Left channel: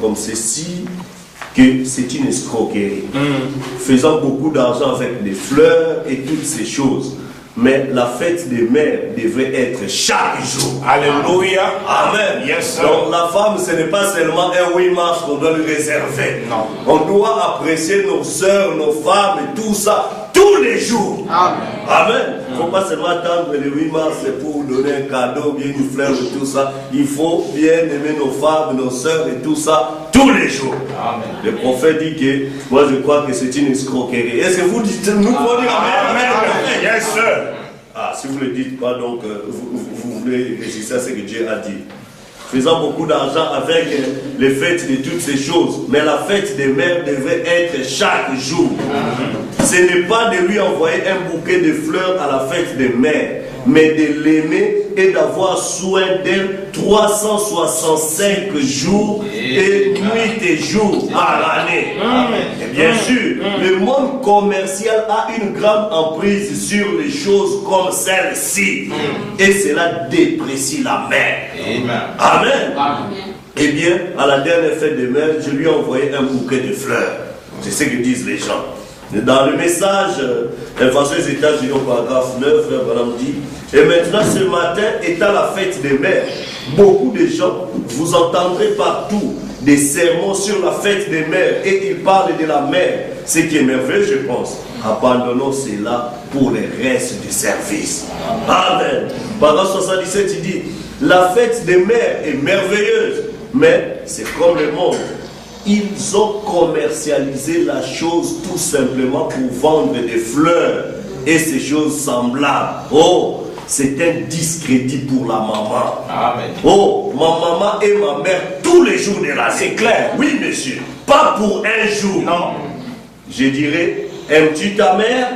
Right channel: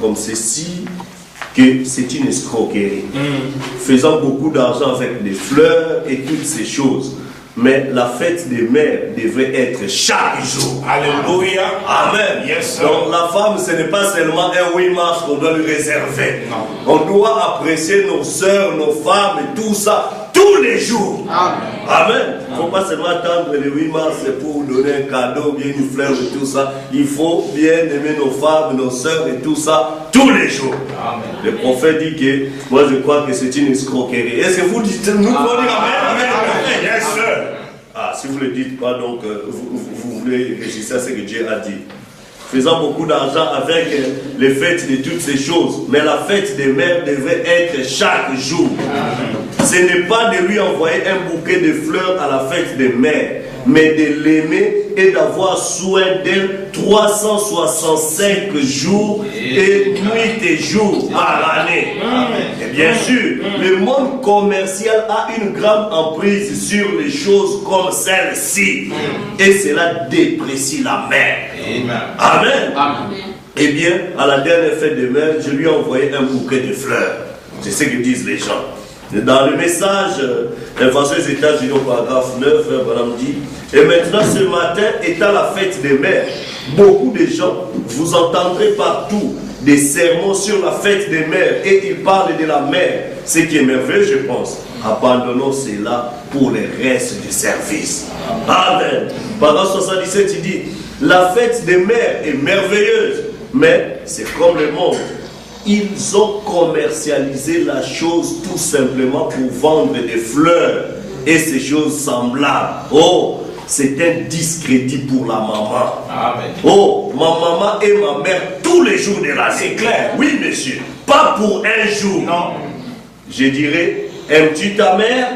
comme ceci, que c'est une escroquerie. Faisant beaucoup d'argent avec des fleurs et toutes ces choses. Mais la fête des mères devrait être chaque jour. Alléluia. Amen. Yes, donc la femme, ce n'est pas seulement un 8 mars qu'on doit lui réserver. Non. On doit apprécier nos sœurs, nos femmes et tout ça tous les jours. Amen. Amen. Il ne faut pas seulement attendre le 8 mars pour donner un cadeau, bien une fleur et tout ça. Il faut bien aimer nos femmes, nos sœurs et tout ça tous les jours. Amen. Le prophète dit que, moi je crois que c'est une escroquerie. Est-ce que vous dites, nous pouvons dire Amen, Amen, Amen. Yes, sir. Ah, si vous ne le dites pas, donc vous voulez résister à ce que Dieu a dit. Faisant beaucoup d'argent avec les fêtes de toutes ces choses. Mais la fête des mères devrait être chaque jour. Ce n'est pas de lui envoyer un bouquet de fleurs à la fête des mères, mais de l'aimer et d'avoir soin d'elle 365 jours et nuits et jours par année. Et bien sûr, le monde commercial a une grande emprise sur les choses comme celle-ci. Et cela déprécie la mère. Amen. Eh bien, à la dernière fête des mères, je lui ai envoyé un bouquet de fleurs. C'est ce que disent les gens. Dans le message, l'invention des États-Unis au paragraphe 9, Frère Branham dit, et maintenant ce matin étant la fête des mères, beaucoup de gens, vous entendrez partout des sermons sur la fête des mères et ils parlent de la mère. Ce qui est merveilleux, je pense. Abandonnons cela pour les restes du service. Amen. Paragraphe 77, il dit, la fête des mères est merveilleuse, mais c'est comme le monde. Ils ont commercialisé la chose tout simplement pour vendre des fleurs et ces choses semblables. Oh, c'est un discrédit pour la maman. Amen. Oh, ma maman et ma mère tous les jours de l'année. C'est clair. Oui, monsieur. Pas pour un jour. Non. Je dirais, aimes-tu ta mère?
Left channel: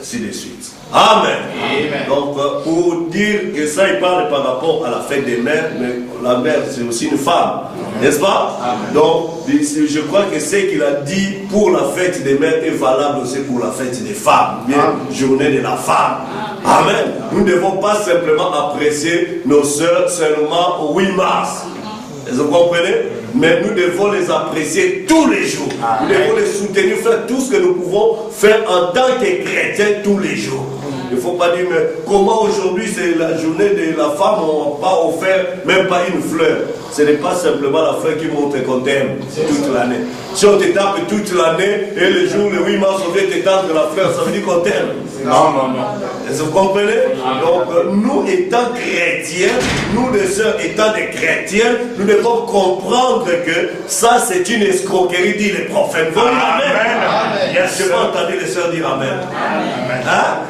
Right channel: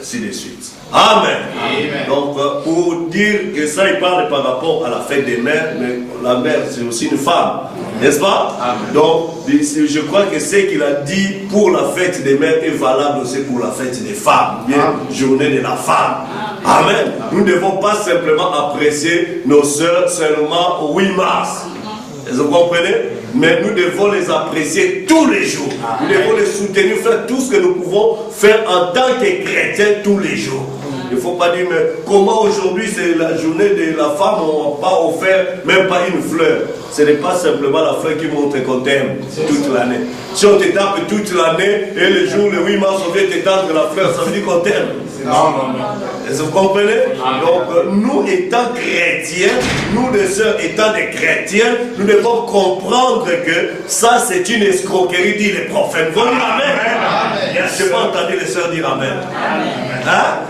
Ainsi de suite. Amen. Amen. Donc, pour dire que ça, il parle par rapport à la fête des mères, mais la mère, c'est aussi une femme. N'est-ce pas? Amen. Donc, je crois que ce qu'il a dit pour la fête des mères est valable aussi pour la fête des femmes. Bien, journée de la femme. Amen. Amen. Nous ne devons pas simplement apprécier nos sœurs seulement au 8 mars. Vous comprenez? Mais nous devons les apprécier tous les jours. Nous devons les soutenir, faire tout ce que nous pouvons faire en tant que chrétiens tous les jours. Il ne faut pas dire, mais comment aujourd'hui c'est la journée de la femme, on n'a pas offert même pas une fleur. Ce n'est pas simplement la fleur qui montre qu'on t'aime toute l'année. Si on te tape toute l'année et le jour, le 8 mars, on vient te tendre la fleur, ça veut dire qu'on t'aime. Non. Vous comprenez? Donc, nous étant chrétiens, nous les sœurs étant des chrétiens, nous devons comprendre que ça c'est une escroquerie, dit les prophètes. Vous dites Amen. Je n'ai pas entendu les sœurs dire Amen. Hein?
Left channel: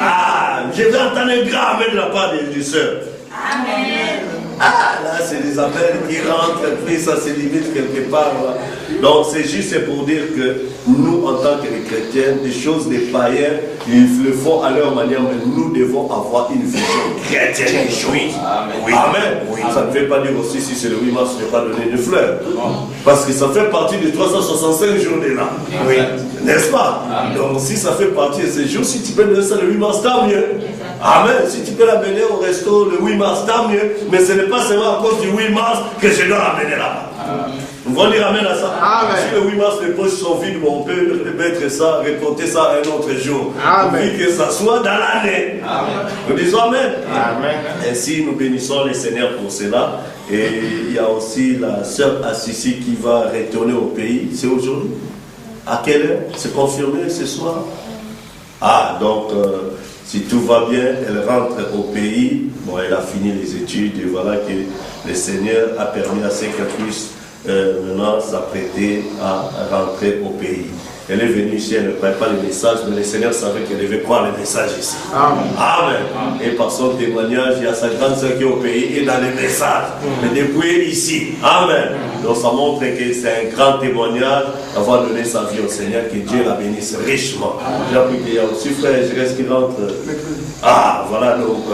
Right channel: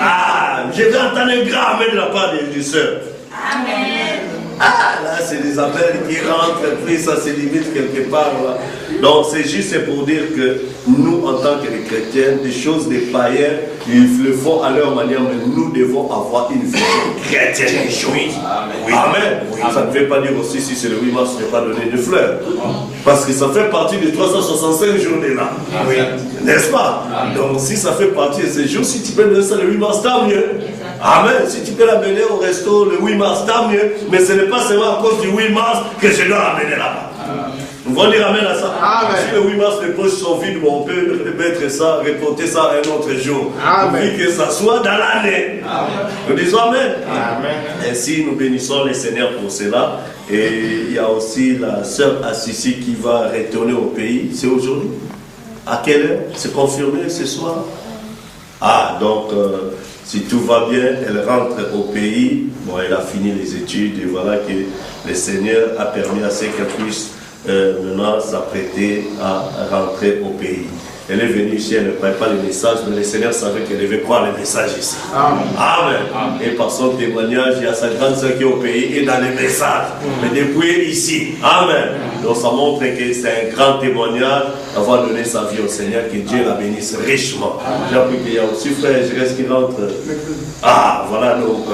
Ah, je vais entendre un grand Amen de la part des sœurs. Amen. Ah, là, c'est des appels qui rentrent, puis ça se limite quelque part. Là. Donc, c'est juste pour dire que nous, en tant que chrétiens, des choses des païens, ils le font à leur manière, mais nous devons avoir une vision chrétienne des choses. Amen. Amen. Oui. Ça ne veut pas dire aussi, si c'est le 8 mars, je ne vais pas donner de fleurs. Parce que ça fait partie des 365 journées-là. Oui. N'est-ce pas? Amen. Donc, si ça fait partie de ces jours, si tu peux donner ça le 8 mars, tant mieux. Amen. Si tu peux l'amener au resto le 8 mars, tant mieux. Mais ce n'est pas seulement à cause du 8 mars que je dois l'amener là-bas. Nous allons dire Amen à ça. Amen. Si le 8 mars, les poches sont vides, on peut mettre ça, reporter ça à un autre jour. Amen. Puis que ça soit dans l'année. Nous disons Amen. Amen. Ainsi, nous bénissons les Seigneurs pour cela. Et il y a aussi la sœur Assisi qui va retourner au pays. C'est aujourd'hui. À quelle heure? C'est confirmé ce soir? Ah, donc... si tout va bien, elle rentre au pays. Bon, elle a fini les études et voilà que le Seigneur a permis à ce qu'elle puisse maintenant s'apprêter à rentrer au pays. Elle est venue ici, elle ne croyait pas les messages, mais le Seigneur savait qu'elle devait croire les messages ici. Amen. Amen. Et par son témoignage, il y a sa grande sœur qui est au pays et dans les messages. Mais depuis ici. Amen. Donc ça montre que c'est un grand témoignage d'avoir donné sa vie au Seigneur, que Dieu la bénisse richement. J'ai appris qu'il y a aussi frère Jérès qui rentre. Ah, voilà, donc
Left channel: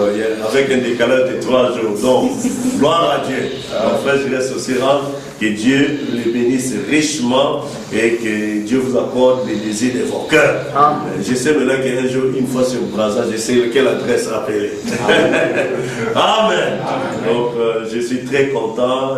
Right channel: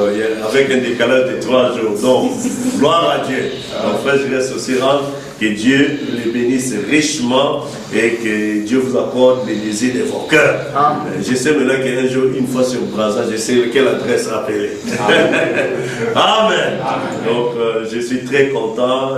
avec un décalage de 3 jours. Donc, gloire à Dieu. Donc frère Jérès aussi rentre. Que Dieu les bénisse richement et que Dieu vous accorde les désirs de vos cœurs. Je sais maintenant qu'un jour, une fois sur Brazza, je sais quelle adresse appeler. Amen. Amen. Donc, je suis très content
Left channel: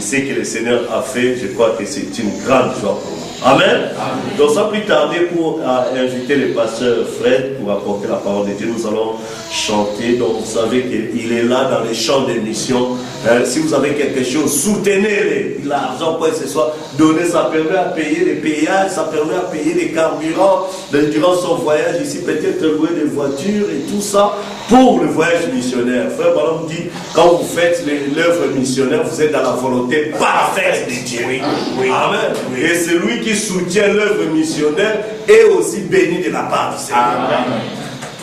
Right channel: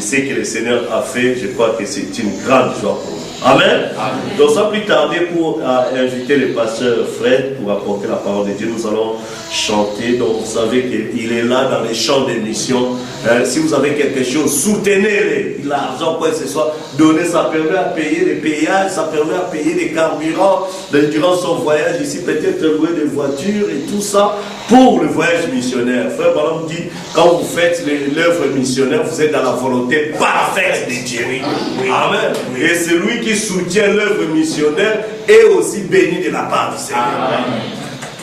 ce que le Seigneur a fait, je crois que c'est une grande joie pour nous. Amen. Amen. Donc sans plus tarder, pour inviter le pasteur Fred pour apporter la parole de Dieu, nous allons chanter. Donc vous savez qu'il est là dans les champs de mission. Si vous avez quelque chose, soutenez-les. L'argent, quoi que ce soit, donnez, ça permet à payer les péages, ça permet à payer les carburants durant son voyage ici, peut-être louer des voitures et tout ça pour le voyage missionnaire. Frère Branham dit, quand vous faites l'œuvre missionnaire, vous êtes dans la volonté parfaite de Dieu. Oui. Amen. Oui. Et celui qui soutient l'œuvre missionnaire est aussi béni de la part du Seigneur.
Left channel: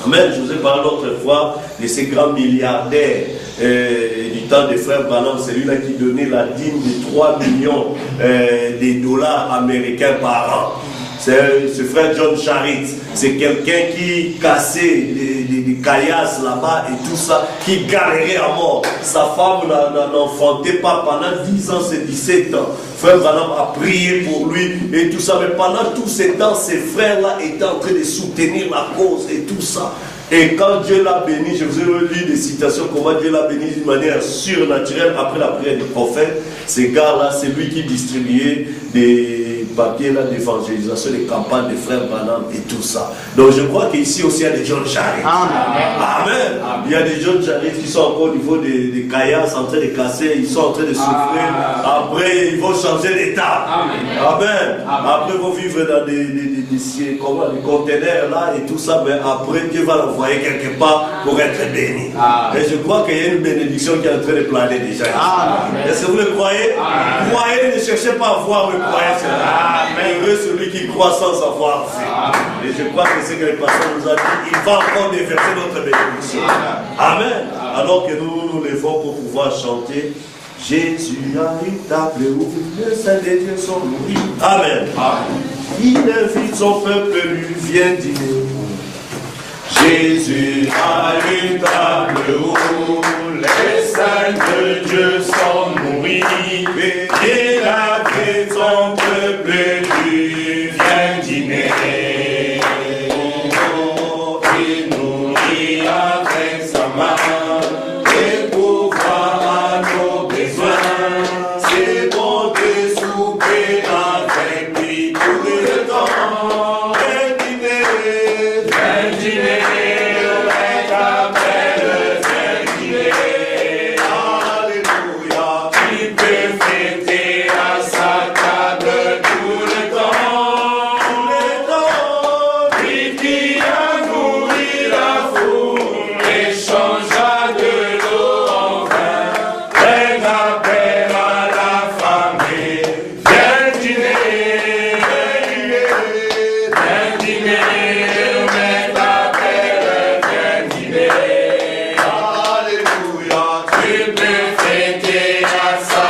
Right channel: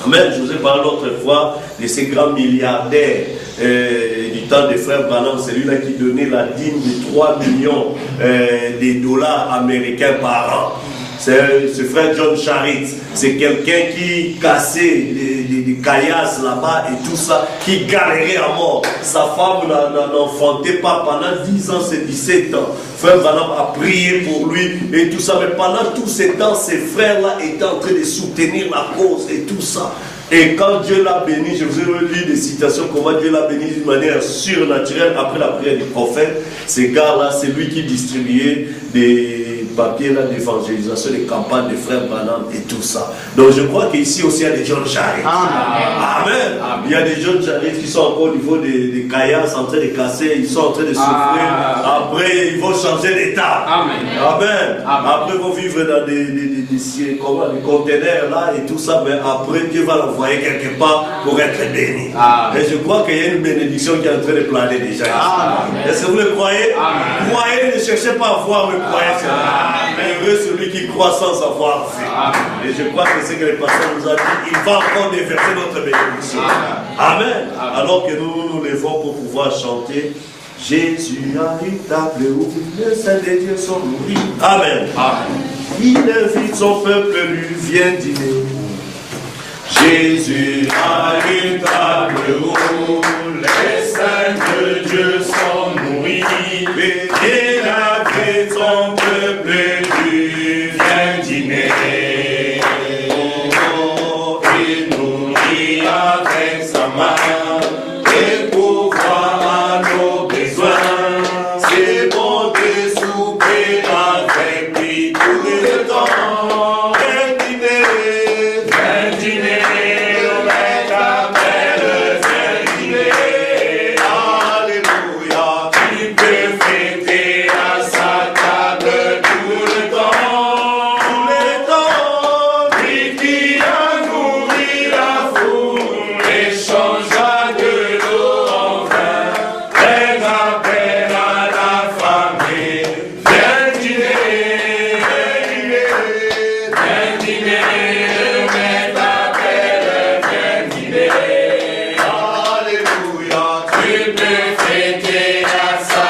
Amen. Je vous ai parlé l'autre fois de ces grands milliardaires du temps des frères Branham, celui-là qui donnait la dîme de 3 millions de dollars américains par an. C'est ce frère John Charitz. C'est quelqu'un qui cassait des caillasses là-bas et tout ça, qui galérait à mort. Sa femme n'enfantait pas pendant 10 ans, c'est 17 ans. Frère Branham a prié pour lui et tout ça. Mais pendant tous ces temps, ces frères-là étaient en train de soutenir la cause et tout ça. Et quand Dieu l'a béni, je vous ai lu des citations, comment Dieu l'a béni d'une manière surnaturelle après la prière du prophète. Ces gars-là, c'est lui qui distribuait des papiers d'évangélisation, des campagnes des frères Branham et tout ça. Donc je crois qu'ici aussi il y a des John Charitz. Amen. Amen. Il y a des John Charitz qui sont encore au niveau des caillasses en train de casser, ils sont en train de souffrir. Après, ils vont changer d'état. Amen. Après, ils vont vivre dans des conteneurs là et tout ça, mais après, Dieu va l'envoyer quelque part pour être béni. Et je crois qu'il y a une bénédiction qui est en train de planer déjà. Est-ce que vous le croyez? Croyez, ne cherchez pas à voir, mais croyez cela. Heureux celui qui croit sans savoir vu. Et je crois que c'est que le pasteur nous a dit, il va encore déverser notre bénédiction. Amen. Alors que nous nous levons pour pouvoir chanter. Jésus a une table où les saints des dieux sont nourris. Amen. Il invite son peuple, lui vient dîner. Jésus a une table où les saints de Dieu sont nourris. Et avec son peuple, lui vient dîner. Il nourrit avec sa main. Fêter à sa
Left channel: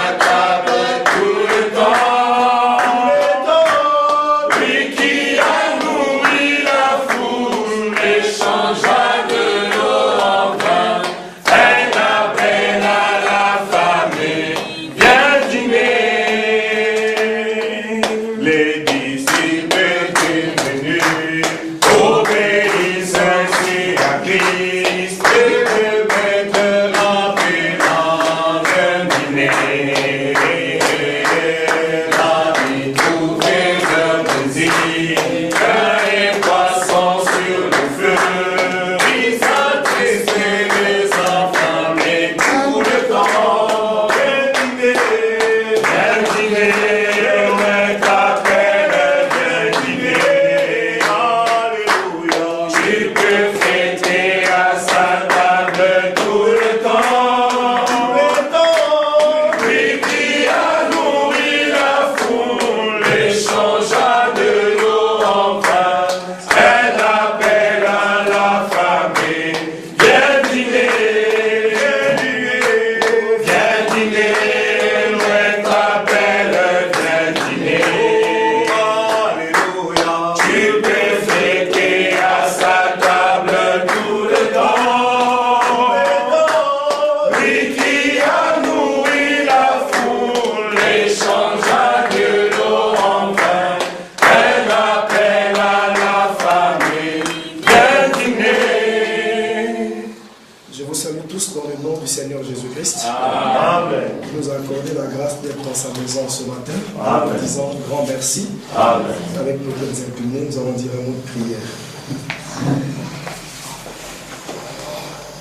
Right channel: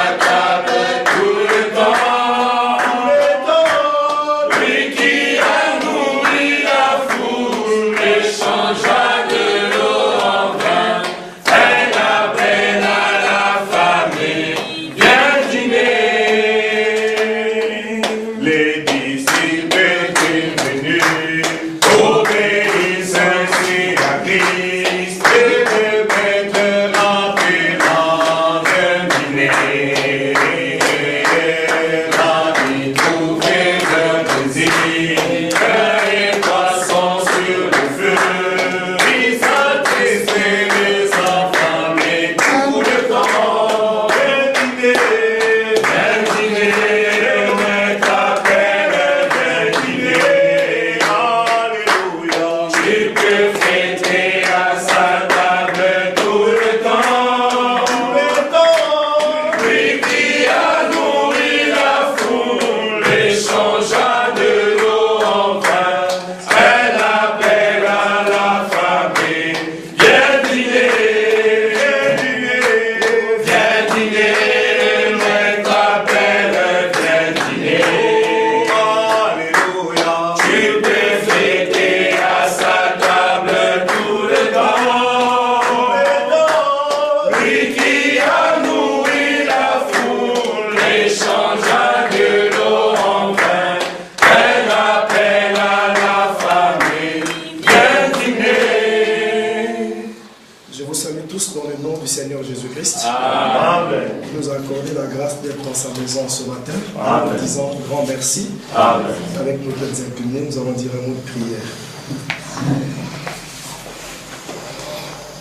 grâce d'être dans sa maison ce matin. Amen. En disant grand merci. Amen. Avec nos têtes inclinées, nous allons dire un mot de prière.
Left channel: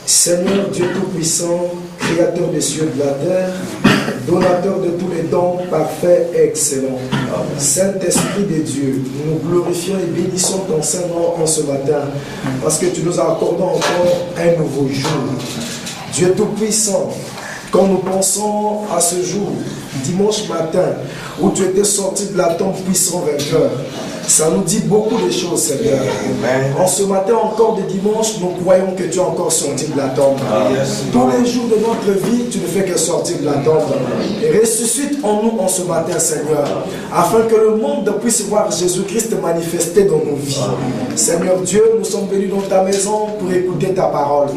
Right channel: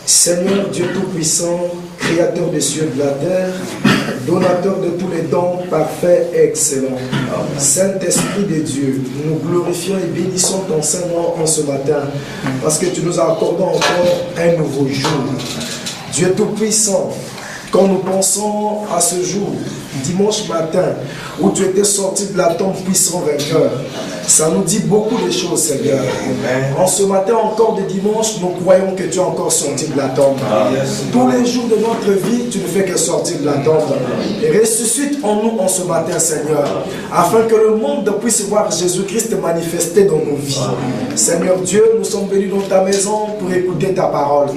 Seigneur Dieu Tout-Puissant, Créateur des cieux et de la terre, donateur de tous les dons parfaits et excellents, Saint-Esprit de Dieu, nous glorifions et bénissons ton Saint-Nom en ce matin, parce que tu nous as accordé encore un nouveau jour. Dieu Tout-Puissant, quand nous pensons à ce jour, dimanche matin, où tu étais sorti de la tombe puissant vainqueur, ça nous dit beaucoup de choses, Seigneur. En ce matin encore de dimanche, nous croyons que tu es encore sorti de la tombe. Tous les jours de notre vie, tu ne fais que sortir de la tombe. Et ressuscite en nous en ce matin, Seigneur, afin que le monde puisse voir Jésus-Christ manifesté dans nos vies. Seigneur Dieu, nous sommes venus dans ta maison pour écouter ta parole.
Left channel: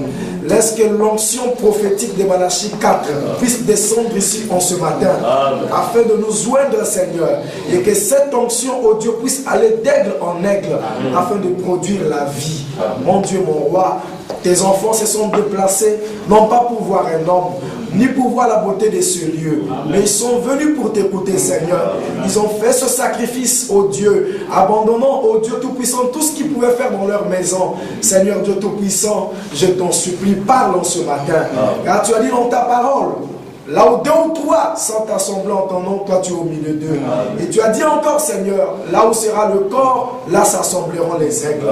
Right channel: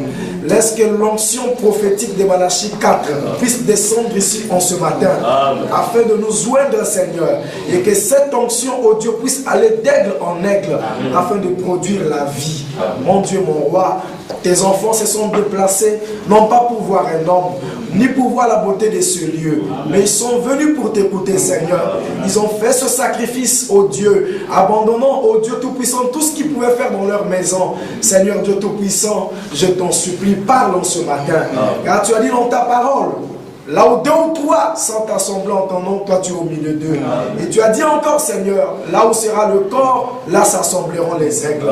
Laisse que l'onction prophétique de Malachie 4 puisse descendre ici en ce matin, afin de nous joindre, Seigneur, et que cette onction, oh Dieu, puisse aller d'aigle en aigle, afin de produire la vie. Mon Dieu, mon roi, tes enfants se sont déplacés, non pas pour voir un homme, ni pour voir la beauté de ce lieu, mais ils sont venus pour t'écouter, Seigneur. Ils ont fait ce sacrifice, ô Dieu, abandonnant, ô Dieu Tout-Puissant, tout ce qu'ils pouvaient faire dans leur maison. Seigneur Dieu Tout-Puissant, je t'en supplie, parle en ce matin, car tu as dit dans ta parole, là où deux ou trois sont assemblés en ton nom, toi tu es au milieu d'eux. Et tu as dit encore, Seigneur, là où sera le corps, là s'assembleront les aigles.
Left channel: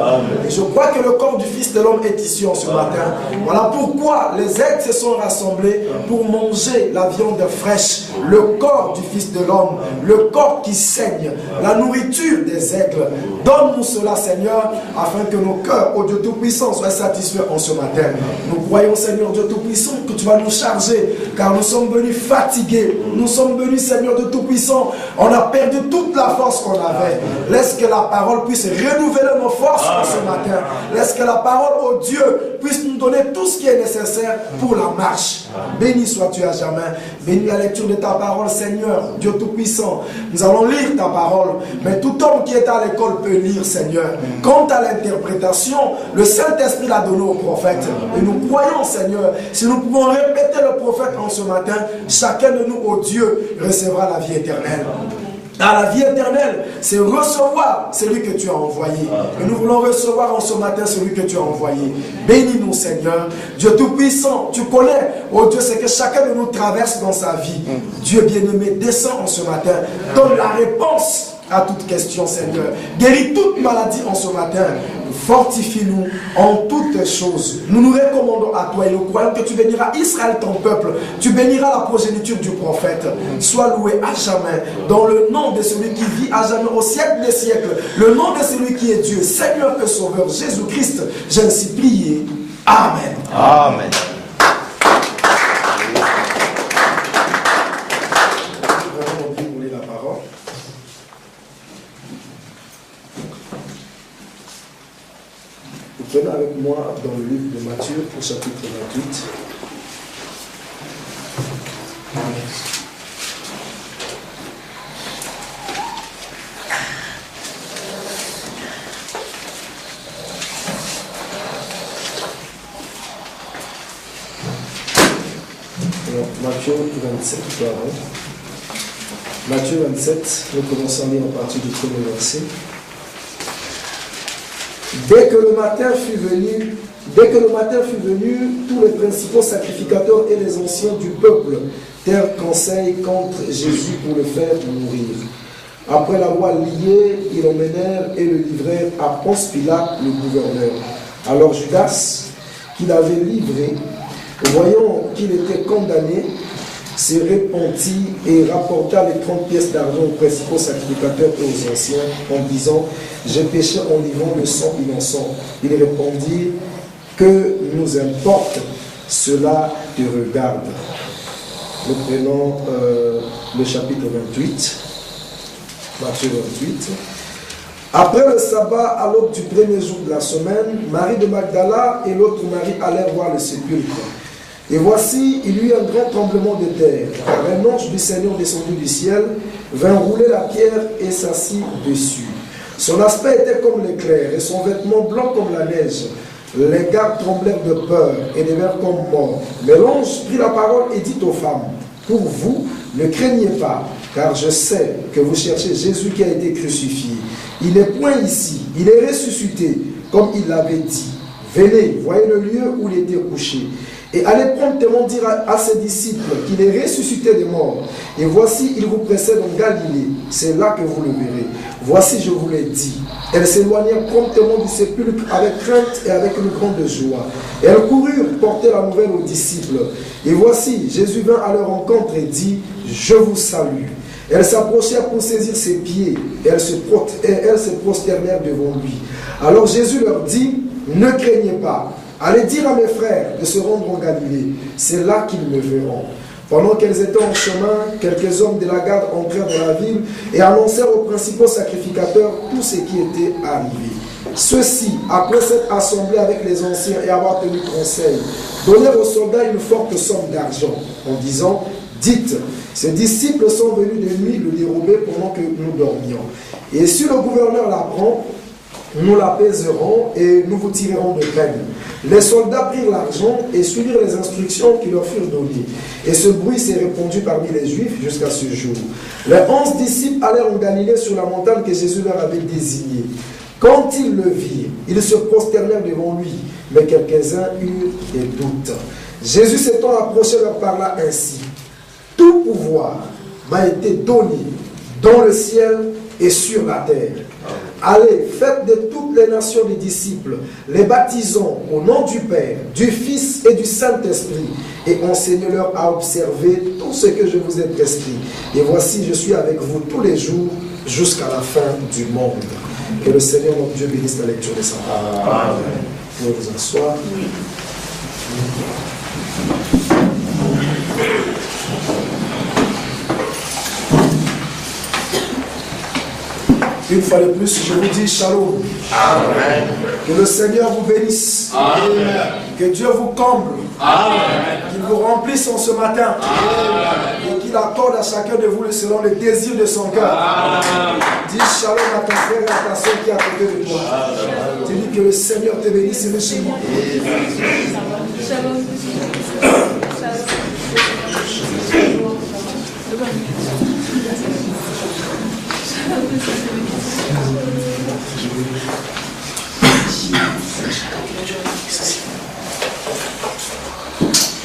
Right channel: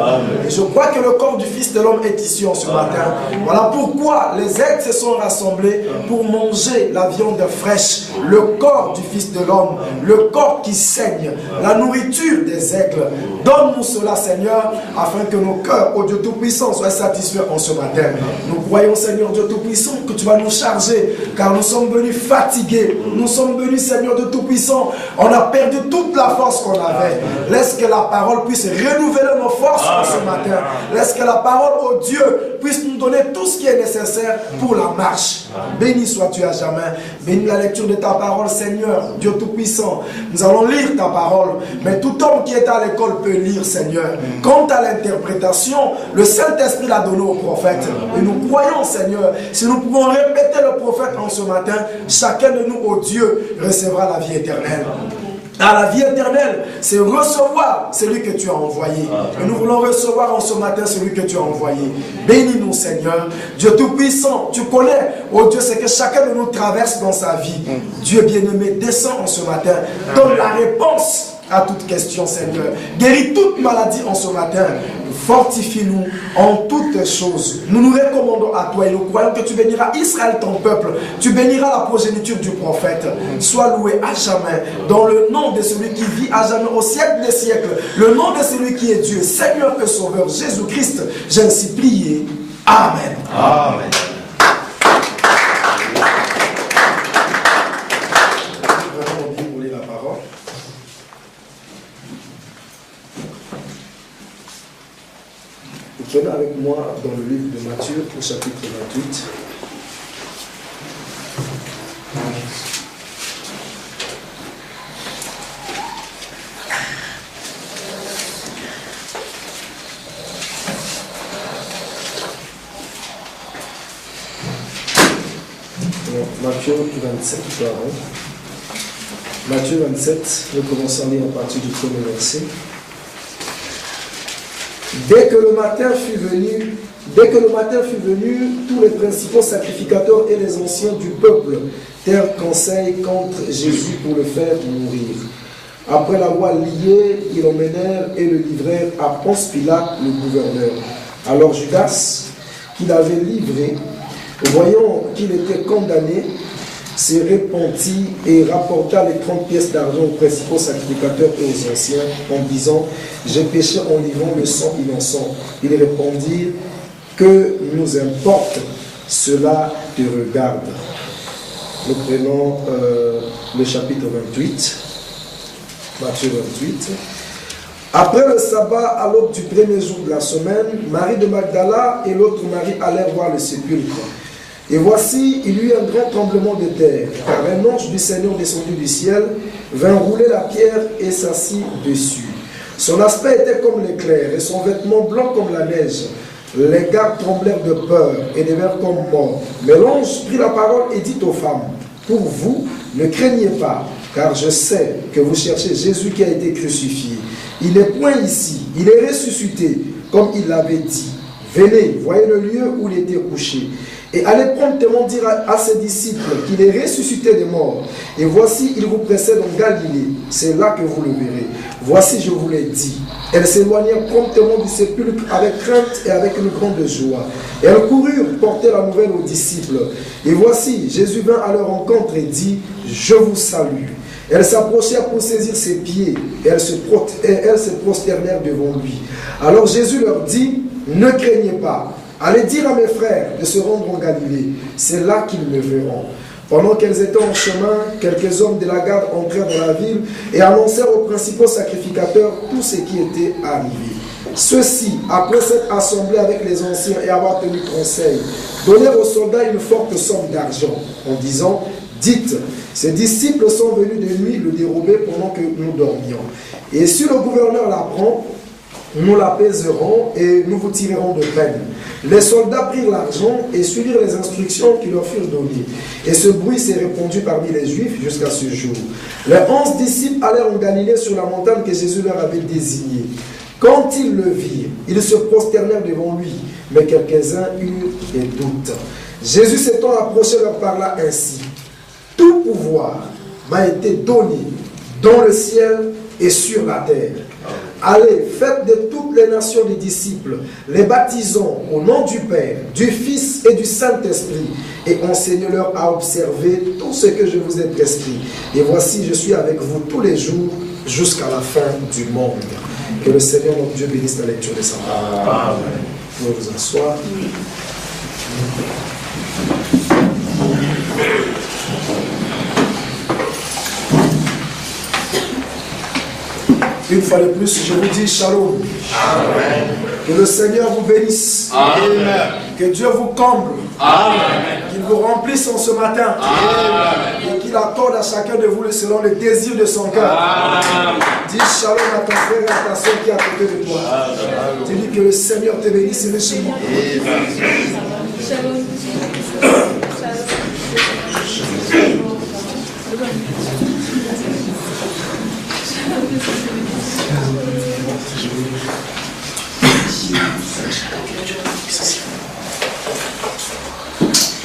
Et je crois que le corps du Fils de l'homme est ici en ce matin. Voilà pourquoi les aigles se sont rassemblés pour manger la viande fraîche, le corps du Fils de l'homme, le corps qui saigne, la nourriture des aigles. Donne-nous cela, Seigneur, afin que nos cœurs, ô Dieu Tout-Puissant, soient satisfaits en ce matin. Nous croyons, Seigneur Dieu Tout-Puissant, que tu vas nous charger, car nous sommes venus fatigués. Nous sommes venus, Seigneur de Tout-Puissant. On a perdu toute la force qu'on avait. Laisse que la parole puisse renouveler nos forces ce matin. Laisse que la parole, oh Dieu, puisse nous donner tout ce qui est nécessaire pour la marche. Béni sois-tu à jamais. Bénis la lecture de ta parole, Seigneur, Dieu Tout-Puissant. Nous allons lire ta parole. Mais tout homme qui est à l'école peut lire, Seigneur. Quant à l'interprétation, le Saint-Esprit l'a donné au prophète. Et nous croyons, Seigneur, si nous pouvons répéter le prophète en ce matin, chacun de nous, ô Dieu, recevra la vie éternelle. La vie éternelle, c'est recevoir celui que tu as envoyé. Et nous voulons recevoir en ce matin celui que tu as envoyé. Bénis-nous, Seigneur. Dieu Tout-Puissant, tu connais, oh Dieu, c'est que chacun de nous traverse dans sa vie. Dieu bien-aimé, descends en ce matin. Donne la réponse à toute question, Seigneur. Guéris toute maladie en ce matin. Fortifie-nous en toutes choses. Nous nous recommandons à toi et nous croyons que tu béniras Israël, ton peuple. Tu béniras la progéniture du prophète. Sois loué à jamais dans le nom de celui qui vit à jamais au siècle des siècles. Le nom de celui qui est Dieu, Seigneur et Sauveur, Jésus-Christ. J'ai ainsi prié. Amen. Amen. Venez avec moi dans le livre de Matthieu au chapitre 28. Matthieu 27, pardon. Matthieu 27, nous commençons à lire à partir du premier verset. Dès que le matin fut venu, tous les principaux sacrificateurs et les anciens du peuple tinrent conseil contre Jésus pour le faire mourir. Après l'avoir lié, ils l'emmenèrent et le livrèrent à Ponce Pilate, le gouverneur. Alors Judas, qui l'avait livré, voyant qu'il était condamné, se repentit et rapporta les 30 pièces d'argent aux principaux sacrificateurs et aux anciens, en disant « J'ai péché en livrant le sang innocent. » Ils répondirent « Que nous importe, cela te regarde. » Nous prenons le chapitre 28, Matthieu 28. Après le sabbat, à l'aube du premier jour de la semaine, Marie de Magdala et l'autre Marie allèrent voir le sépulcre. Et voici, il y eut un grand tremblement de terre, car un ange du Seigneur descendu du ciel vint rouler la pierre et s'assit dessus. Son aspect était comme l'éclair et son vêtement blanc comme la neige. Les gardes tremblèrent de peur et devinrent comme morts. Mais l'ange prit la parole et dit aux femmes, pour vous, ne craignez pas, car je sais que vous cherchez Jésus qui a été crucifié. Il n'est point ici, il est ressuscité, comme il l'avait dit. Venez, voyez le lieu où il était couché. Et allez promptement dire à ses disciples qu'il est ressuscité des morts. Et voici, il vous précède en Galilée. C'est là que vous le verrez. Voici, je vous l'ai dit. Elles s'éloignèrent promptement du sépulcre avec crainte et avec une grande joie. Et elles coururent porter la nouvelle aux disciples. Et voici, Jésus vint à leur rencontre et dit, je vous salue. Elles s'approchèrent pour saisir ses pieds. Et elles se prosternèrent devant lui. Alors Jésus leur dit, ne craignez pas. Allez dire à mes frères de se rendre en Galilée. C'est là qu'ils me verront. Pendant qu'elles étaient en chemin, quelques hommes de la garde entrèrent dans la ville et annoncèrent aux principaux sacrificateurs tout ce qui était arrivé. Ceux-ci, après s'être assemblés avec les anciens et avoir tenu conseil, donnèrent aux soldats une forte somme d'argent, en disant, dites, ces disciples sont venus de nuit le dérober pendant que nous dormions. Et si le gouverneur l'apprend, nous l'apaiserons et nous vous tirerons de peine. Les soldats prirent l'argent et suivirent les instructions qui leur furent données. Et ce bruit s'est répandu parmi les Juifs jusqu'à ce jour. Les 11 disciples allèrent en Galilée sur la montagne que Jésus leur avait désignée. Quand ils le virent, ils se prosternèrent devant lui, mais quelques-uns eurent des doutes. Jésus s'étant approché leur parla ainsi. Tout pouvoir m'a été donné dans le ciel et sur la terre. Allez, faites de toutes les nations des disciples, les baptisons au nom du Père, du Fils et du Saint-Esprit, et enseignez-leur à observer tout ce que je vous ai prescrit. Et voici, je suis avec vous tous les jours jusqu'à la fin du monde. Que le Seigneur notre Dieu bénisse la lecture de sa parole. Vous pouvez vous asseoir. Une fois de plus, je vous dis shalom. Amen. Que le Seigneur vous bénisse. Amen. Que Dieu vous comble. Amen. Qu'il vous remplisse en ce matin. Amen. Et qu'il accorde à chacun de vous selon le désir de son cœur. Amen. Dis shalom à ton frère et à ta soeur qui est à côté de toi. Amen. Tu dis que le Seigneur te bénisse et chez moi. Shalom.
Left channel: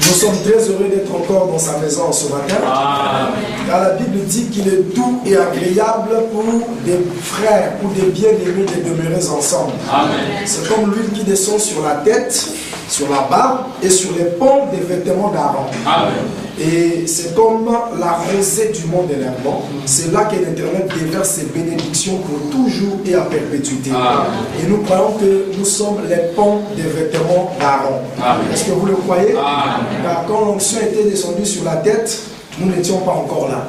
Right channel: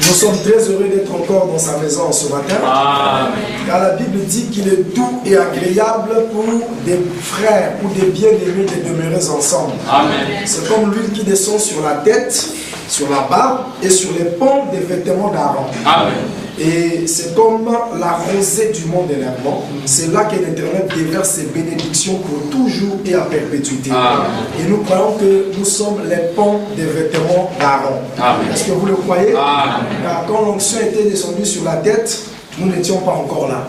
Nous sommes très heureux d'être encore dans sa maison ce matin. Amen. Car la Bible dit qu'il est doux et agréable pour des frères, pour des bien-aimés de demeurer ensemble. C'est comme l'huile qui descend sur la tête, sur la barbe et sur les pans des vêtements d'Aaron. Et c'est comme la rosée du monde énervant. C'est là que l'Éternel déverse ses bénédictions pour toujours et à perpétuité. Et nous croyons que nous sommes les pans des vêtements d'Aaron. Est-ce que vous le croyez? Car quand l'onction était descendue sur la tête, nous n'étions pas encore là.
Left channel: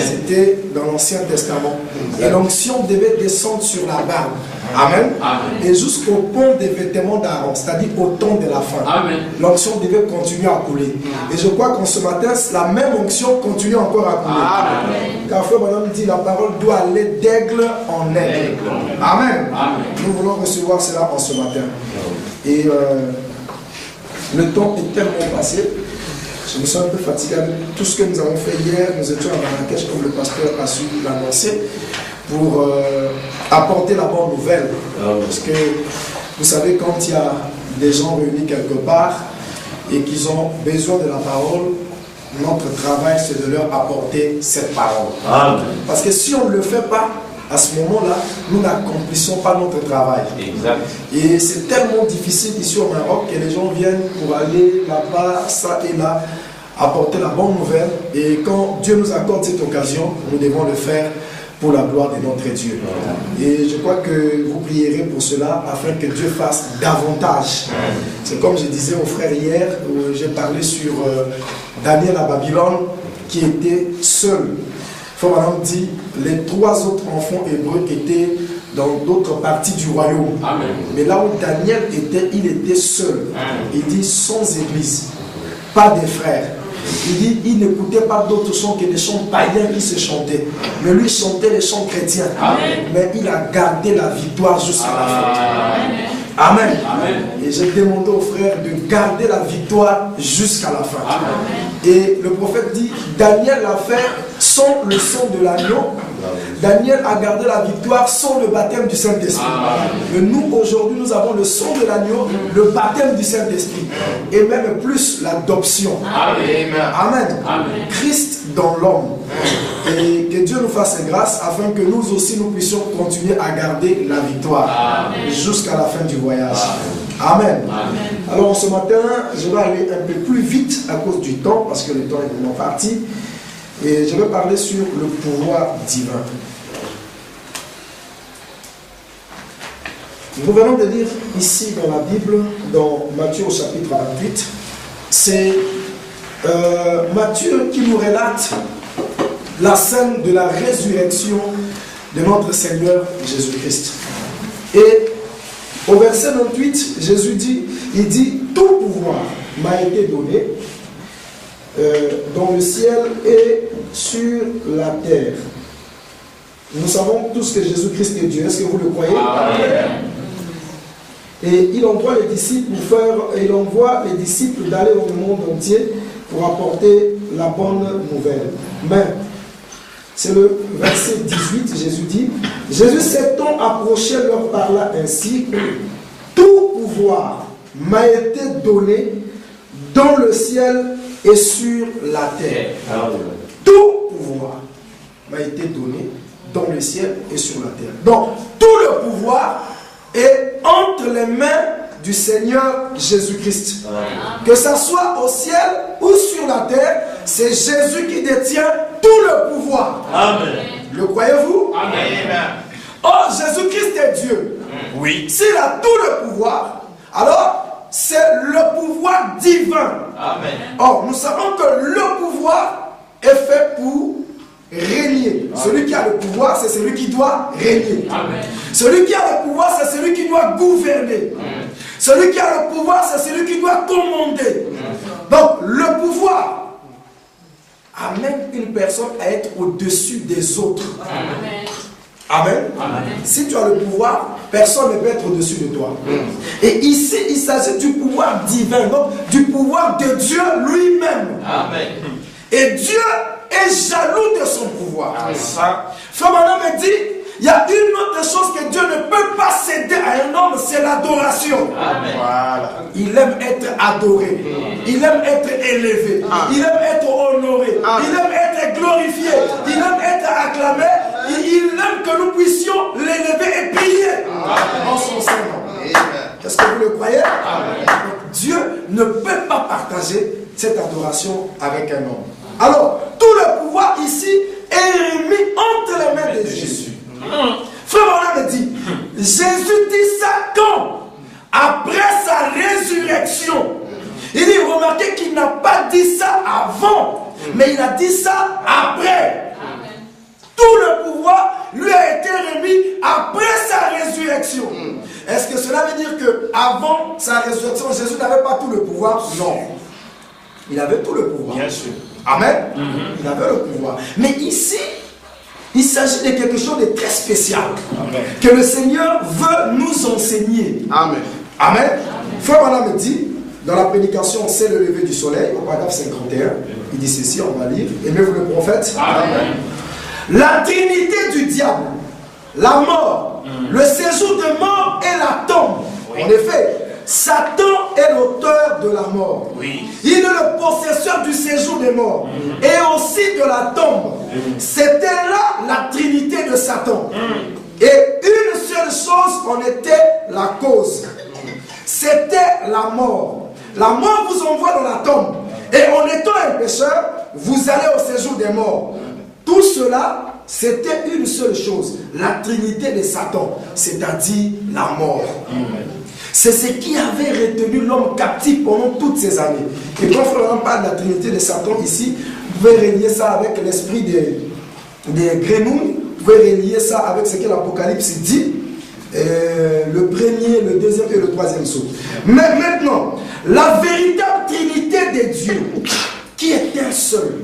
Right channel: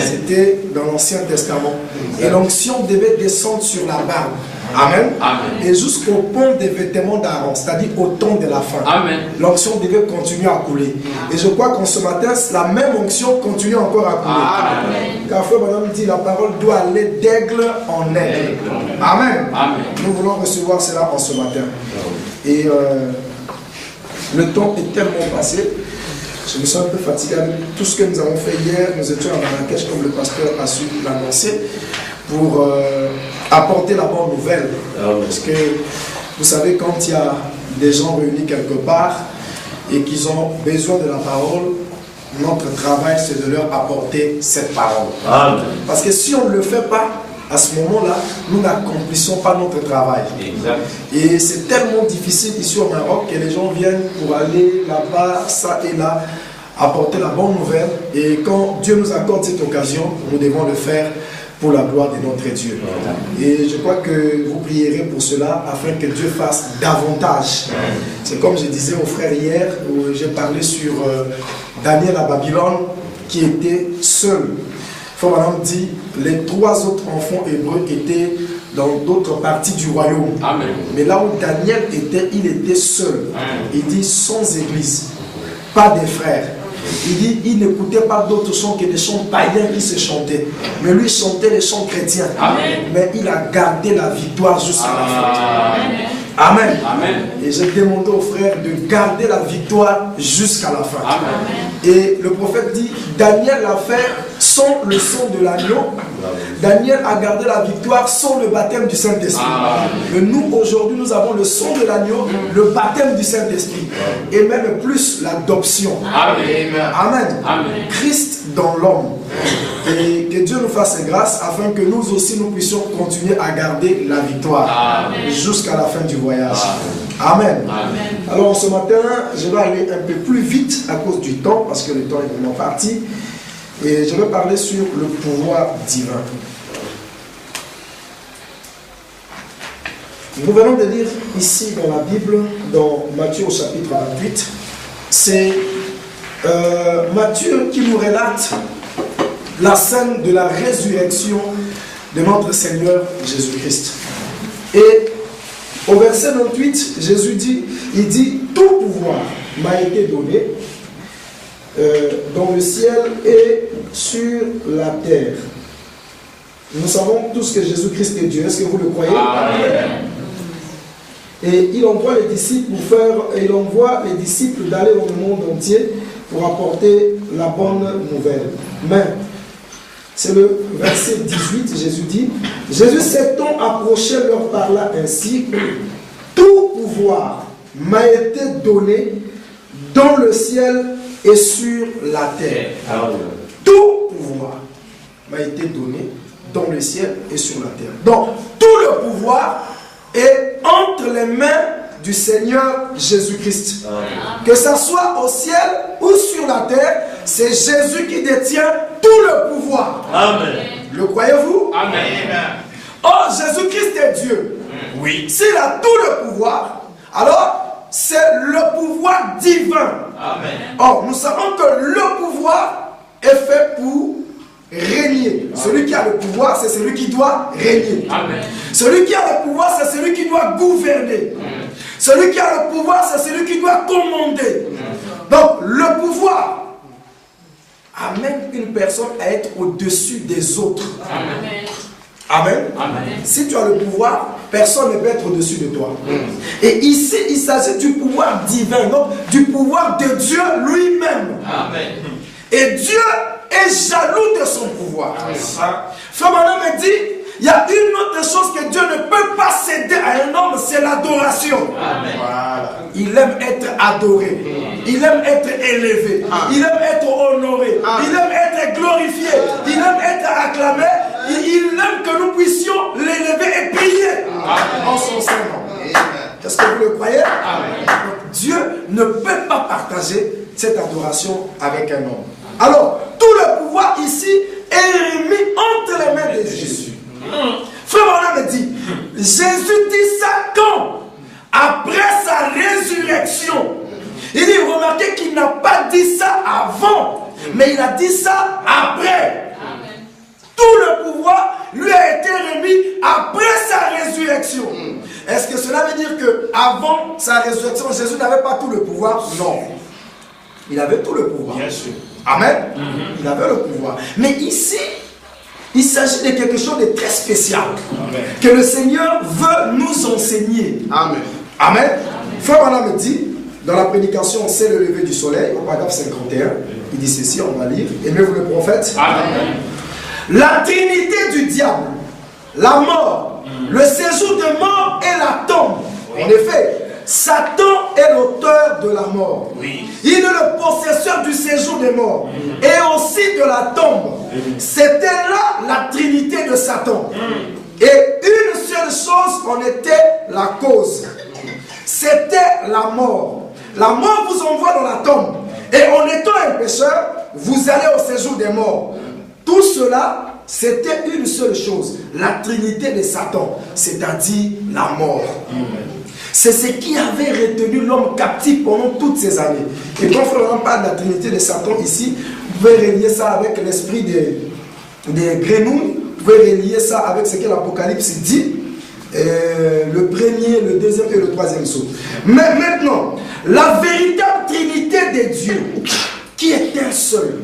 C'était dans l'Ancien Testament. Et l'onction devait descendre sur la barbe. Amen. Et jusqu'au pont des vêtements d'Aaron, c'est-à-dire au temps de la fin. L'onction devait continuer à couler. Et je crois qu'en ce matin, la même onction continue encore à couler. Car Frère Branham dit la parole doit aller d'aigle en aigle. Amen. Nous voulons recevoir cela en ce matin. Et le temps est tellement passé. Je me sens un peu fatigué avec tout ce que nous avons fait hier. Nous étions à Marrakech, comme le pasteur a su l'annoncer, pour apporter la bonne nouvelle. Parce que vous savez, quand il y a des gens réunis quelque part et qu'ils ont besoin de la parole, notre travail c'est de leur apporter cette parole. Parce que si on ne le fait pas, à ce moment-là, nous n'accomplissons pas notre travail. Et c'est tellement difficile ici au Maroc que les gens viennent pour aller là-bas, ça et là, apporter la bonne nouvelle. Et quand Dieu nous accorde cette occasion, nous devons le faire pour la gloire de notre Dieu. Et je crois que vous prierez pour cela afin que Dieu fasse davantage. C'est comme je disais aux frères hier, où j'ai parlé sur Daniel à Babylone qui était seul. Frère dit, les 3 autres enfants hébreux étaient dans d'autres parties du royaume. Mais là où Daniel était, il était seul. Il dit sans église, pas des frères. Il dit, il n'écoutait pas d'autres chants que des chants païens qui se chantaient. Mais lui chantait les chants chrétiens. Mais il a gardé la victoire jusqu'à la fin. Amen. Et j'ai demandé aux frères de garder la victoire jusqu'à la fin. Et le prophète dit, Daniel l'a fait sans le sang de l'agneau. Daniel a gardé la victoire sans le baptême du Saint-Esprit. Et nous, aujourd'hui, nous avons le sang de l'agneau, le baptême du Saint-Esprit. Et même plus l'adoption. Amen. Amen. Christ dans l'homme. Et que Dieu nous fasse grâce afin que nous aussi, nous puissions continuer à garder la victoire jusqu'à la fin du voyage. Amen. Alors ce matin, je vais aller un peu plus vite à cause du temps, parce que le temps est vraiment parti. Et je vais parler sur le pouvoir divin. Nous venons de lire ici dans la Bible, dans Matthieu au chapitre 28, c'est Matthieu qui nous relate la scène de la résurrection de notre Seigneur Jésus-Christ. Et au verset 98, Jésus dit, il dit, tout pouvoir m'a été donné dans le ciel et sur la terre. Nous savons tous que Jésus-Christ est Dieu. Est-ce que vous le croyez? Amen. Et il envoie les disciples d'aller dans le monde entier pour apporter la bonne nouvelle. Mais c'est le verset 18, Jésus dit, Jésus s'étant approché leur parla ainsi, tout pouvoir m'a été donné dans le ciel et sur la terre. Tout pouvoir m'a été donné dans le ciel et sur la terre. Donc, tout le pouvoir est entre les mains du Seigneur Jésus-Christ. Que ça soit au ciel ou sur la terre, c'est Jésus qui détient tout le pouvoir. Amen. Le croyez-vous? Amen. Oh, Jésus-Christ est Dieu. Oui. S'il a tout le pouvoir, alors c'est le pouvoir divin. Amen. Or, nous savons que le pouvoir est fait pour régner. Amen. Celui qui a le pouvoir, c'est celui qui doit régner. Amen. Celui qui a le pouvoir, c'est celui qui doit gouverner. Amen. Celui qui a le pouvoir, c'est celui qui doit commander. Amen. Donc, le pouvoir amène une personne à être au-dessus des autres. Amen. Amen. Amen. Si tu as le pouvoir, personne ne peut être au-dessus de toi. Et ici, il s'agit du pouvoir divin, donc du pouvoir de Dieu lui-même. Amen. Et Dieu est jaloux de son pouvoir. Frère Manan me dit, il y a une autre chose que Dieu ne peut pas céder à un homme, c'est l'adoration. Voilà. Il aime être adoré. Il aime être élevé. Il aime être honoré. Il aime être glorifié. Il aime être acclamé. Il aime que nous puissions l'élever et prier en son sein. Est-ce que vous le croyez? Donc, Dieu ne peut pas partager cette adoration avec un homme. Alors, tout le pouvoir ici est remis entre les mains de Jésus. Frère Manan me dit, Jésus dit ça quand? Après sa résurrection. Il dit, remarquez qu'il n'a pas dit ça avant, mais il a dit ça après. Amen. Tout le pouvoir lui a été remis après sa résurrection. Est-ce que cela veut dire qu'avant sa résurrection, Jésus n'avait pas tout le pouvoir? Non. Il avait tout le pouvoir. Bien sûr. Amen. Il avait le pouvoir. Mais ici, il s'agit de quelque chose de très spécial. Amen. Que le Seigneur veut nous enseigner. Amen. Amen. Frère Manan me dit, dans la prédication, c'est le lever du soleil, au paragraphe 51, il dit ceci, on va lire. Aimez-vous le prophète? Amen. La trinité du diable, la mort, le séjour de mort et la tombe. Oui. En effet, Satan est l'auteur de la mort. Oui. Il est le possesseur du séjour des morts et aussi de la tombe. C'était là la trinité de Satan. Et une seule chose en était la cause. C'était la mort. La mort vous envoie dans la tombe. Et en étant un pécheur, vous allez au séjour des morts. Tout cela, c'était une seule chose. La trinité de Satan, c'est-à-dire la mort. C'est ce qui avait retenu l'homme captif pendant toutes ces années. Et quand on parle de la trinité de Satan ici, vous pouvez relier ça avec l'esprit des grenouilles. Vous pouvez relier ça avec ce que l'Apocalypse dit. Le premier, le deuxième et le troisième saut. Mais maintenant, la véritable trinité de Dieu, qui est un seul,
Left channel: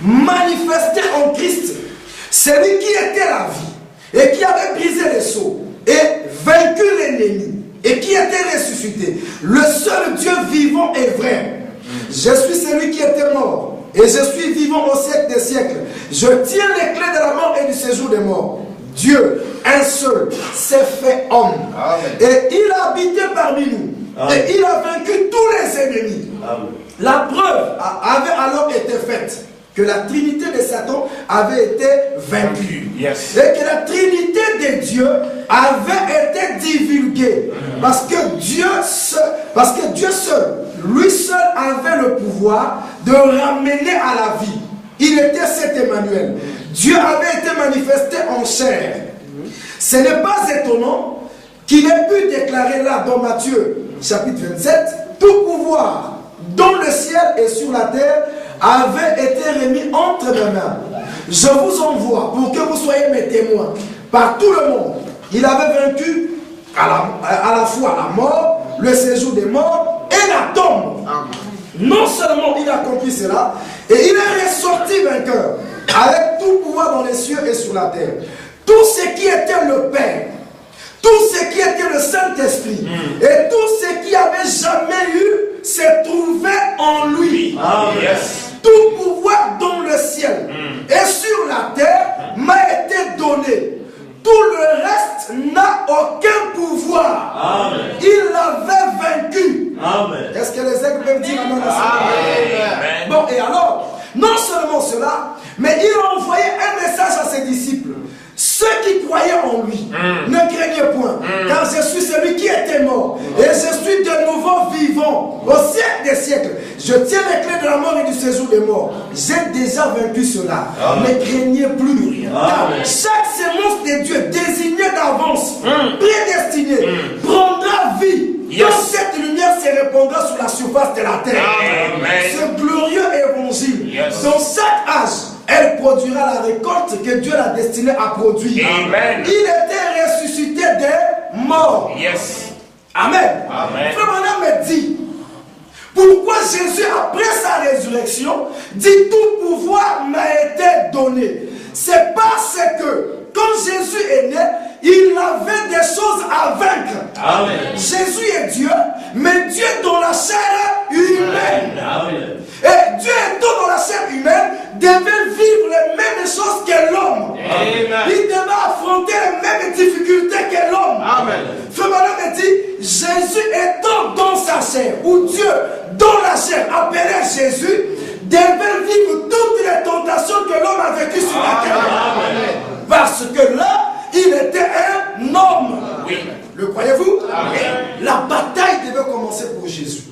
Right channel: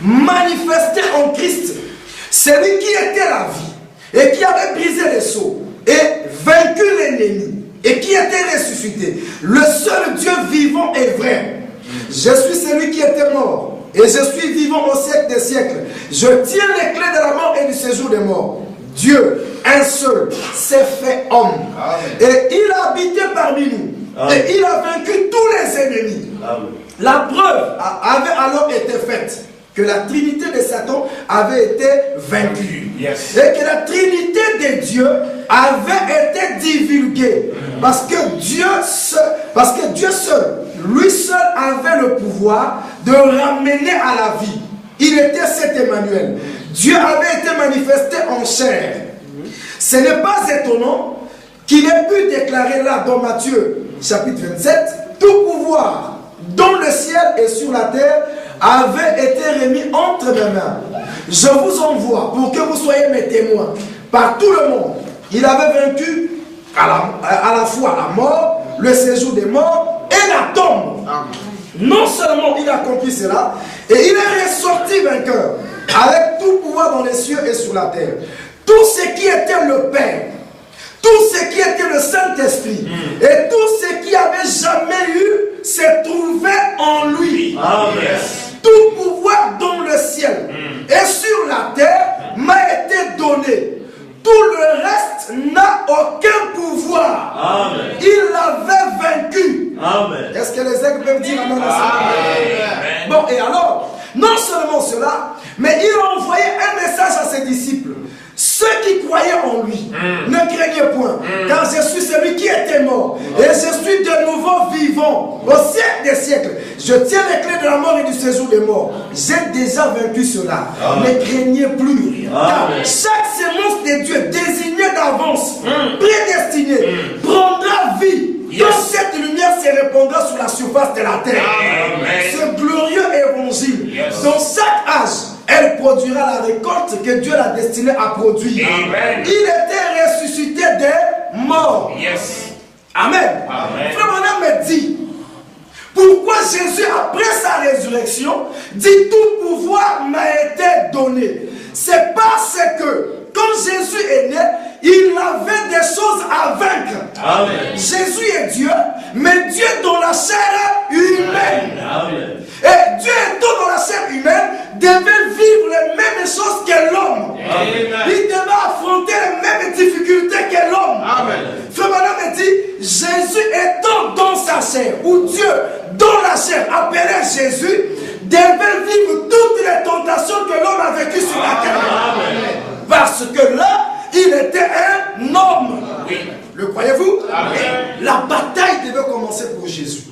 manifesté en Christ, celui qui était la vie et qui avait brisé les sceaux et vaincu l'ennemi et qui était ressuscité, le seul Dieu vivant et vrai. Je suis celui qui était mort. et je suis vivant au siècle des siècles. Je tiens les clés de la mort et du séjour des morts. Dieu, un seul, s'est fait homme. Amen. Et il a habité parmi nous. Amen. Et il a vaincu tous les ennemis. Amen. La preuve avait alors été faite que la trinité de Satan avait été vaincue. Yes. Et que la trinité de Dieu avait été divulguée. Parce que Dieu seul, lui seul avait le pouvoir de ramener à la vie. Il était cet Emmanuel. Dieu avait été manifesté en chair. Ce n'est pas étonnant qu'il ait pu déclarer là dans Matthieu chapitre 27, tout pouvoir dans le ciel et sur la terre avait été remis entre mes mains. Je vous envoie pour que vous soyez mes témoins par tout le monde. Il avait vaincu à la fois la mort, le séjour des morts et la tombe. Non seulement il a accompli cela, et il est ressorti vainqueur avec tout pouvoir dans les cieux et sur la terre. Tout ce qui était le Père, tout ce qui était le Saint-Esprit, et tout ce qui avait jamais eu, s'est trouvé en lui. Amen. Tout pouvoir dans le ciel et sur la terre m'a été donné. Tout le reste n'a aucun pouvoir. Amen. Il l'avait vaincu. Amen. Est-ce que les aigles peuvent dire amen à ça? Amen. Bon, et alors, non seulement cela, mais il a envoyé un message à ses disciples. Ceux qui croyaient en lui ne craignaient point, car je suis celui qui était mort, et je suis de nouveau vivant au siècle des siècles. Je tiens les clés de la mort et du séjour des morts. J'ai déjà vaincu cela. Amen. Ne craignez plus rien. Car chaque sémence de Dieu désignée d'avance, prédestinée, prendra vie. Quand cette lumière se répandra sur la surface de la terre. Amen. Ce glorieux évangile, dans chaque âge, elle produira la récolte que Dieu l'a destinée à produire. Amen. Il était ressuscité des morts. Yes. Amen. Amen. Frère Branham me dit, pourquoi Jésus, après sa résurrection, dit tout pouvoir m'a été donné? C'est parce que quand Jésus est né, il avait des choses à vaincre. Amen. Jésus est Dieu, mais Dieu dans la chair humaine. Amen. Et Dieu étant dans la chair humaine, devait vivre les mêmes choses que l'homme. Il devait affronter les mêmes difficultés que l'homme. Frère Branham dit, Jésus étant dans sa chair, ou Dieu dans la chair, appelé Jésus, devait vivre toutes les tentations que l'homme a vécues sur la terre. Parce que là, il était un homme. Oui. Le croyez-vous? La bataille devait commencer pour Jésus.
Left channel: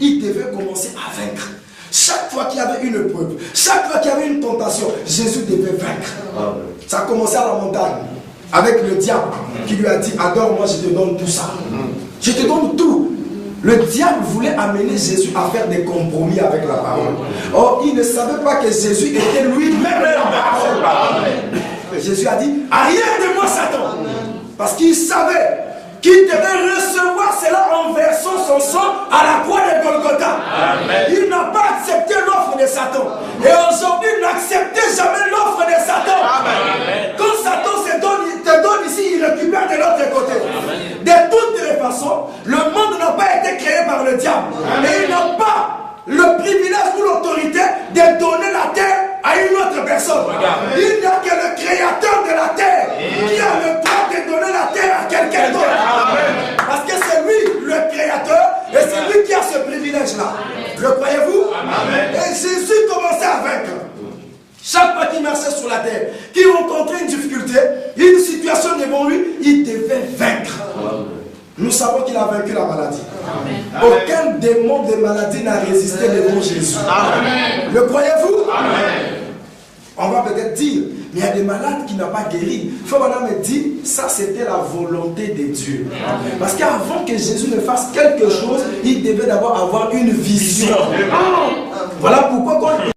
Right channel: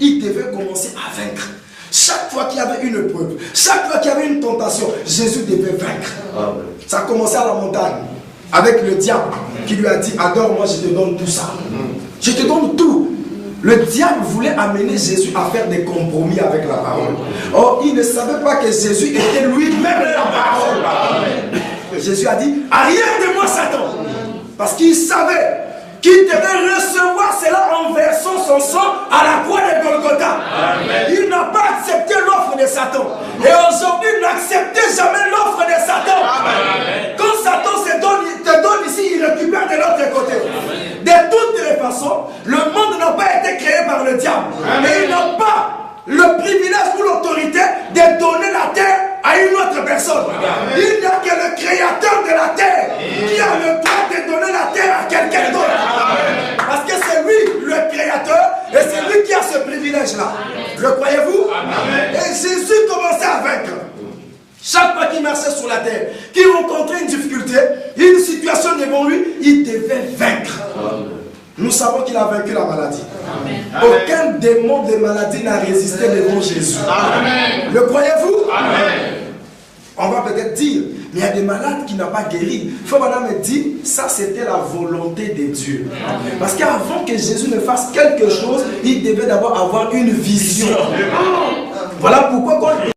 Il devait commencer à vaincre. Chaque fois qu'il y avait une épreuve, chaque fois qu'il y avait une tentation, Jésus devait vaincre. Amen. Ça a commencé à la montagne avec le diable qui lui a dit, adore-moi, je te donne tout ça. Je te donne tout. Le diable voulait amener Jésus à faire des compromis avec la parole. Or, il ne savait pas que Jésus était lui-même la parole. Jésus a dit, arrière de moi Satan. Parce qu'il savait qu'il devait recevoir cela en versant son sang à la croix de Golgotha. Amen. Il n'a pas accepté l'offre de Satan. Et aujourd'hui, il n'acceptait jamais l'offre de Satan. Amen. Quand Satan te donne ici, il récupère de l'autre côté. Amen. De toutes les façons, le monde n'a pas été créé par le diable. Amen. Et il n'a pas le privilège ou l'autorité de donner la terre à une autre personne. Amen. Il n'y a que le créateur de la terre qui a le droit de donner la terre à quelqu'un d'autre. Parce que c'est lui le créateur et c'est lui qui a ce privilège-là. Le croyez-vous? Et Jésus commençait à vaincre. Chaque fois qu'il marchait sur la terre, qu'il rencontrait une difficulté, une situation devant lui, il devait vaincre. Nous savons qu'il a vaincu la maladie. Amen. Aucun démon de maladie n'a résisté devant Jésus. Amen. Le croyez-vous? On va peut-être dire, mais il y a des malades qui n'ont pas guéri. Frère Branham me dit, ça c'était la volonté de Dieu. Amen. Parce qu'avant que Jésus ne fasse quelque chose, il devait d'abord avoir une vision. Voilà pourquoi quand